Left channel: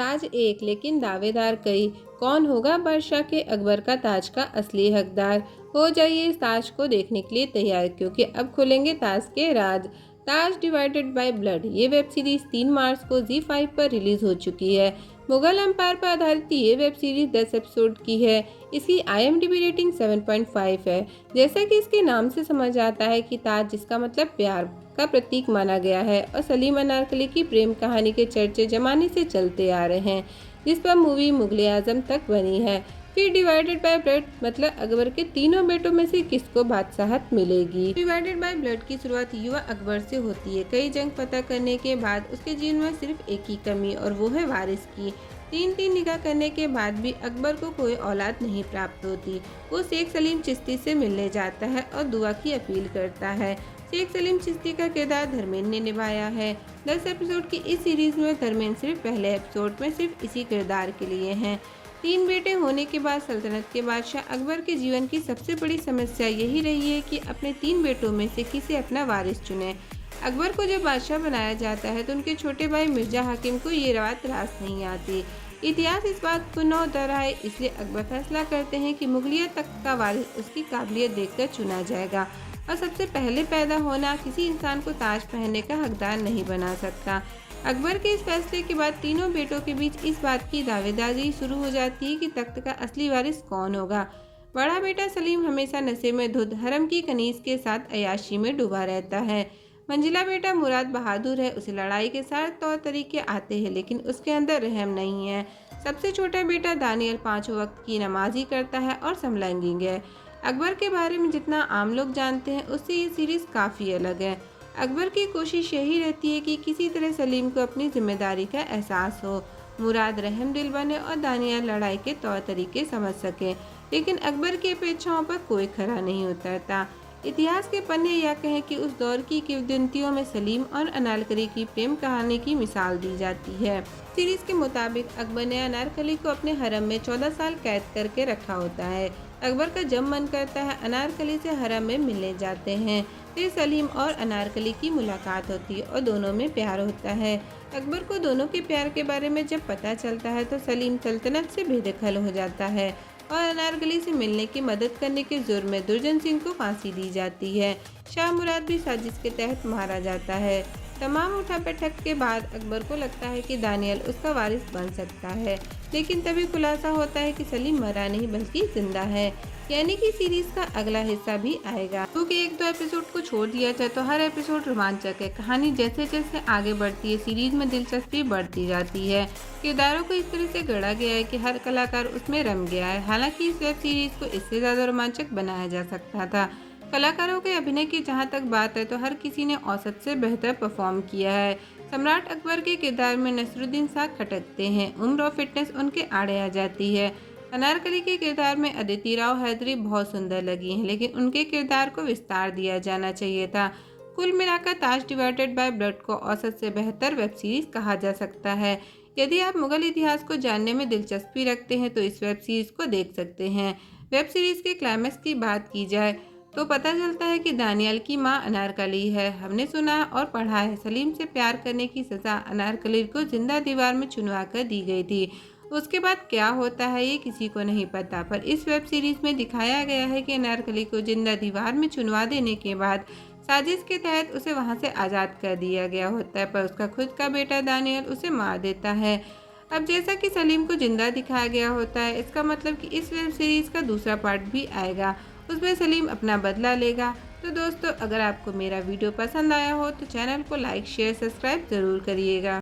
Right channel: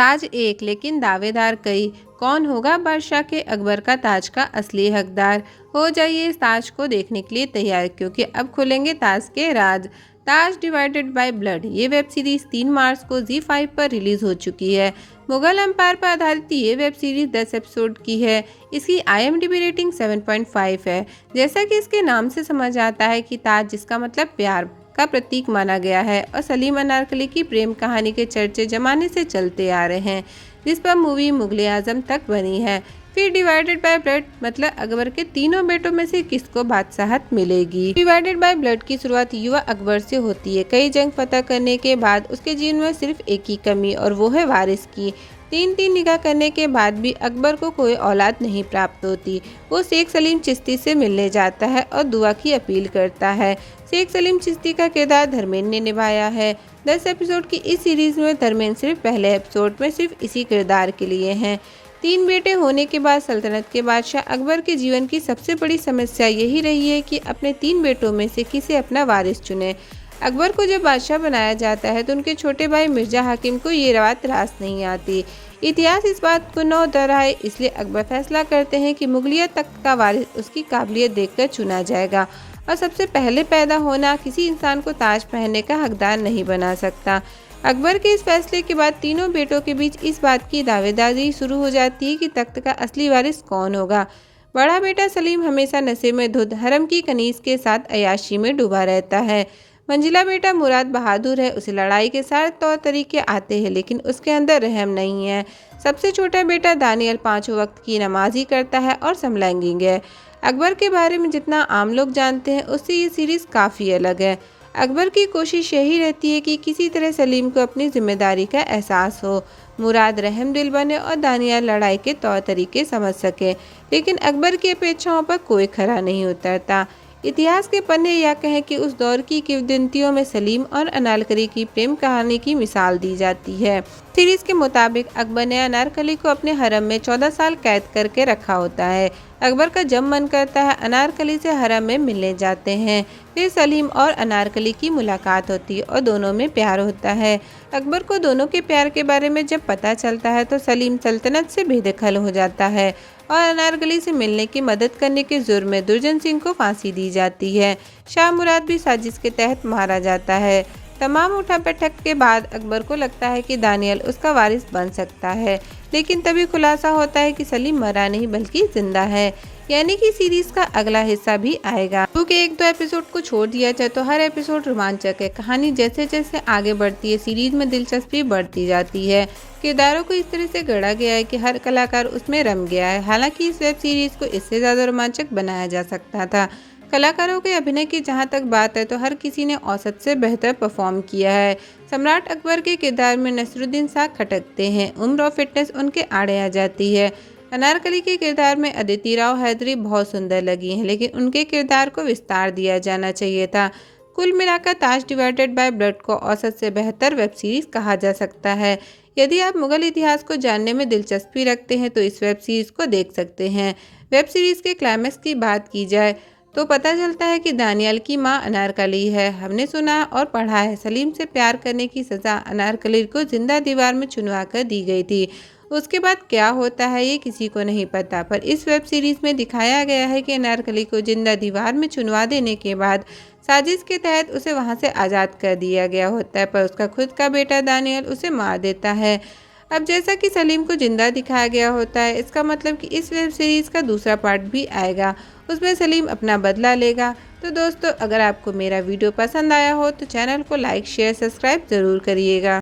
ताज एक लेकिन दावेदार कई। कौन होगा बादशाह के अकबर का ताज का असली हकदार? हो जाइए इस ताज को देखने के लिए तैयार, क्योंकि अब खुलेंगे ताज के राज। ताज डिवाइडेड बाय ब्लड ये वेब सीरीज 3 मार्च को ZEE5 पर रिलीज हो चुकी है। मुगल एम्पायर पर आधारित ये वेब सीरीज 10 एपिसोड की है। इसकी IMDb रेटिंग 7.5 है। जैसा कि इसके नाम से समझ आता है कि ताज, जिसका मतलब प्यार का प्रतीक माना गया है, और सलीम अनारकली की प्रेम कहानी के चर्चे जमाने से चलते आ रहे हैं, जिस पर मूवी मुगले आजम तक बनी है। फिर डिवाइडेड बाय ब्लड मतलब अकबर के तीनों बेटों में से किसको बादशाहत मिलेगी। डिवाइडेड बाय ब्लड की शुरुआत युवा अकबर से होती है। कई जंग फतह करने के बाद उसके जीवन में सिर्फ एक ही कमी, और वो है वारिस की। 3 निकाह करने के बाद भी अकबर को कोई औलाद नहीं प्राप्त होती। वो शेख सलीम चिश्ती से मिलने जाता है और दुआ की अपील करता है। शेख सलीम चिश्ती का किरदार धर्मेंद्र ने निभाया है। 10 एपिसोड की इस सीरीज में धर्मेंद्र सिर्फ पहले एपिसोड में सिर्फ इसी किरदार के लिए हैं। 3 बेटे होने के बाद सल्तनत के बादशाह अकबर के जीवन की सबसे बड़ी समस्या यही रही है कि अपने 3 बेटों में से किसे अपना वारिस चुने। अकबर को जब बादशाह बनाया जाता है तो उनके छोटे भाई मिर्जा हाकिम को ये बात रास नहीं आती। इतिहास इस बात को न दोहराए, इसलिए अकबर फैसला करते हैं कि मुगलिया तख्त का वारिस उसकी काबिलियत देखकर चुना जाएगा, और सबसे पहले पैदा होना किसी इंसान को ताज पहनने का हकदार नहीं बना सकता। अकबर के इस फैसले के बाद तीनों बेटों के बीच इस बात की दावेदारी शुरू हो जाती है कि तख्त का असली वारिस कौन होगा। बड़ा बेटा सलीम हमेशा नशे में धुत हरम की कनीज के साथ अयाशी में डूबा रहता है। मंजिला बेटा मुराद बहादुर है, उसे लड़ाई के सारे तौर तरीके आते हैं, लेकिन उसके अंदर रहम नहीं है। सबसे छोटा बेटा दानियल 5 वक्त की नमाजी करता है और समलैंगिक है। अकबर के बारे में जितना आम लोग जानते हैं उससे ये सीरीज काफ़ी अलग है। अकबर की कोशिश यही रहती है कि किसी तरह सलीम को अपनी जिम्मेदारी का एहसास हो, मुराद रहम दिल बने और दानियाल लड़ाई के तौर तरीके समझ सके, लेकिन अकबर की अपेक्षाओं पर कोई खरा नहीं उतरता। इतिहास के पन्ने या कहें कि उस दौर की किंवदंतियों में सलीम और अनारकली की प्रेम कहानी की मिसाल दी जाती है। सीरीज के मुताबिक अकबर ने अनारकली को अपने हरम में 14 साल कैद करके रखा होता है। अकबर का जब मन करता है अनारकली से हरम में मिलने जाते हैं। फिर सलीम और अनारकली की मुलाकात होती है और दोनों में प्यार होता है। अकबर को दोनों के प्यार के बारे में जब पता चलता है तो सलीम सल्तनत से बेदखल हो जाता है और अनारकली से मिलने की मदद करने के जुर्म में दुर्जन सिंह को फांसी दी जाती है। शाह मुराद भी साजिश के तहत मारा जाता है। तमाम उठापटक के बाद अकबर को लगता है कि दानियल उसका वारिस बन सकता है, लेकिन तभी खुलासा होता है कि सलीम मरा नहीं बल्कि जिंदा है, यानी कि सीरीज का अगला हिस्सा भी आएगा। क्योंकि 1-2 एपिसोड को छोड़ दिया जाए तो हर एपिसोड रोमांचक है। कहानी जैसे जैसे आगे बढ़ती है सीरीज में दिलचस्पी बढ़ती जाती है। किरदारों को इस तरह से गढ़ा गया है कि हर कलाकार उसमें रम गया है। हालांकि इस वेब सीरीज को इससे ज़्यादा रोमांचक बनाया जा सकता था। कलाकारों के अभिनय की जहां तक बात है तो हर किसी ने औसत से बेहतर परफॉर्म किया है। सम्राट अकबर के किरदार में नसरुद्दीन शाह खटकते हैं, उम्र और फिटनेस उनके आड़े आ जाती है। अनारकली के किरदार में अदिति राव हैदरी बहुत सुंदर लगी हैं, लेकिन उनके किरदार को विस्तार दिया जाना चाहिए था। कुल मिलाकर ताज डिवाइडेड बाय ब्लड को औसत से बेहतर वेब सीरीज कहा जा सकता है। यदि आप मुगल इतिहास को जानने में दिलचस्पी रखते हैं तो इस वेब सीरीज को देख सकते हैं। वेब सीरीज के क्लाइमैक्स की बात की जाए तो पता चलता है कि दानियाल की मां अनारकली है। हमने सुना और पढ़ा है सलीम से प्यार करने की सज़ा अनारकली को जिंदा दीवार में चुनवा कर दी गई थी। उसके बाद क्या होता है ये किसी को नहीं पता, पर इस वेब सीरीज में दिखाया गया है कि अनारकली को जिंदा दीवार में चुनवा देने के बाद साजिश के तहत उसे वहां से आज़ाद कर दिया गया होता है, पर उसका खुद का बेटा दानियल उसे मार देता है। अब जैसा कि सलीम को जिंदा दिखाया गया होता है, इसका मतलब कि इस वेब सीरीज का दूसरा पार्ट भी आएगा, उसमें सलीम अपना बदला लेगा। तो दोस्तों, अगर आपको मेरा वीडियो पसंद आया हो तो चैनल को लाइक शेयर सब्सक्राइब ज़रूर करिएगा।